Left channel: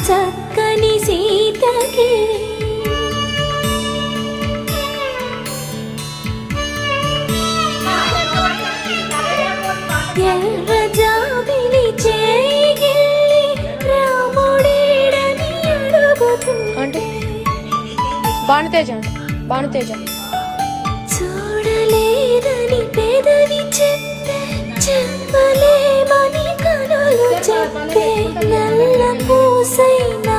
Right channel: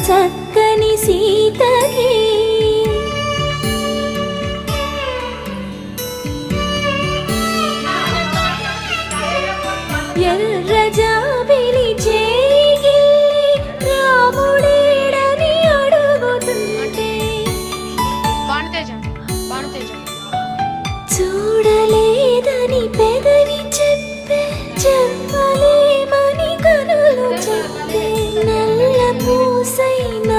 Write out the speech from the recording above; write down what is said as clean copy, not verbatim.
చక్కని సీతకి ఎర్ర జాబిలి చేయి రాముడేడని అడుగుతుంటే భానుతేజ చూడలేదని పెదవి చెప్పే చెప్పలేమని కనులు చెప్పే నల్ల పూసైనా